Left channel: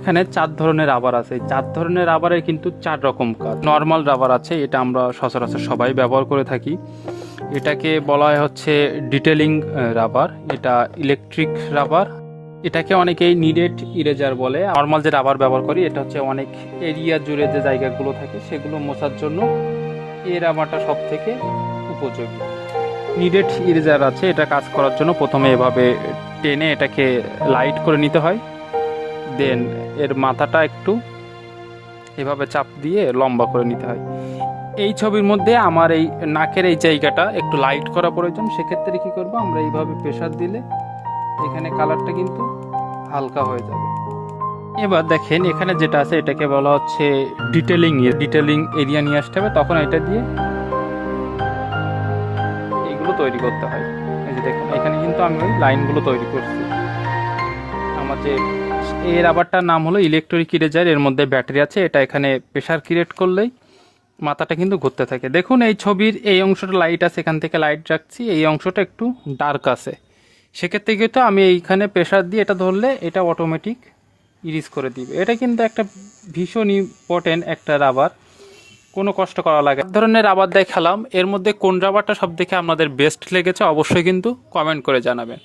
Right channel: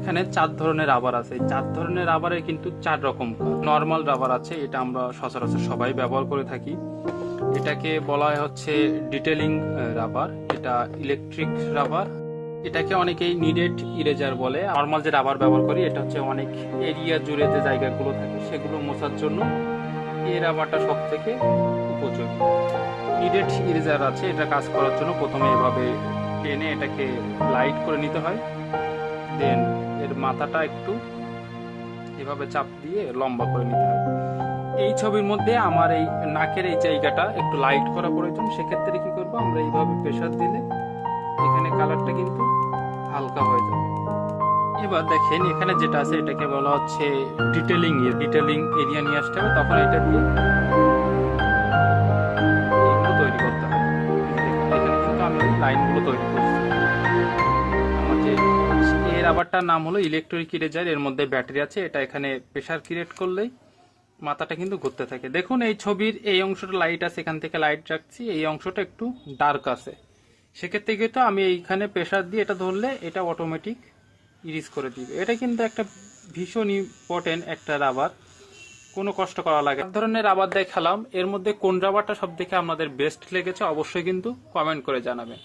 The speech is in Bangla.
এখানে 4 ধরনের রাবার আছে। এই 4 ধরনের রাবারের কিন্তু 4 রকম কাজ। নর্মাল রাবার আছে, এটা আমরা সচরাচর সবাই ব্যবহার করে থাকি। এটাকে বলা হয় হচ্ছে ডিটেলিং রাবার। এটা ইলেকট্রিক রাবার। এটাকে অনেকেই নিডেড ইরেজার বলে। নর্মাল যে রাবার ব্যবহার করি, এটা হচ্ছে অনেক এরিয়া জুড়ে যে জায়গাগুলো থাকে সেগুলো মোছার জন্য এই রাবারটা সব থেকে উপযোগী। নিডেড ইরেজার আছে, এটা কাজ করার জন্য প্রথমে এভাবে টেনে এটাকে লাইট করে নিতে হয়। দেন এর মাথাটা একটু এভাবে চাপ দিয়ে লম্বা করে নিতে হয়। এই ছবির মধ্যে আমার এই নাকের এই জায়গাটা একটু লাইট করা প্রয়োজন। সেক্ষেত্রে কি করব, আমরা এইভাবে প্রেসার দিলে এখানে কালারটা কিন্তু হালকা হয়ে যাবে। এবার দেখেন এখানে যেটা আছে এটাকে বলা হচ্ছে ডিটেলিং এরিয়া নিয়ে আসতে হবে। তখন এটা দিয়ে এইগুলো তৈরি করতে হয়। এই যে দেখেন এখানে কিন্তু আমি ওই লাইনগুলো তৈরি করছি। আমাদের এই রাবারটার নাম হলো ইলেকট্রিক ইরেজার। এর মধ্যে ব্যাটারি আছে। এটা এখানে প্রেসার ক্রিয়েট করলেই মাথাটা কিন্তু ঘুরতে থাকে। দেখুন এই ছবির এই অংশটা লাইট আছে, এখান থেকে লাইট রাখছি, এই অংশটা একটু ডার্ক আছে। সেক্ষেত্রে কিন্তু আমি এইখানে প্রেসার দিয়ে এটা ধরলে এটা অটোমেটিক ইরিজ করে দিবে। এটা কিন্তু একটা ভীষণ ইম্পর্টেন্ট একটা রাবার, কোনো কষ্ট করা লাগে। এক ধরনের রাবার দেখালাম, এর মধ্যে কোন রাবারটা সব থেকে আপনাদের বেস্ট লেগেছে অবশ্যই কিন্তু কমেন্ট করে জানাবেন।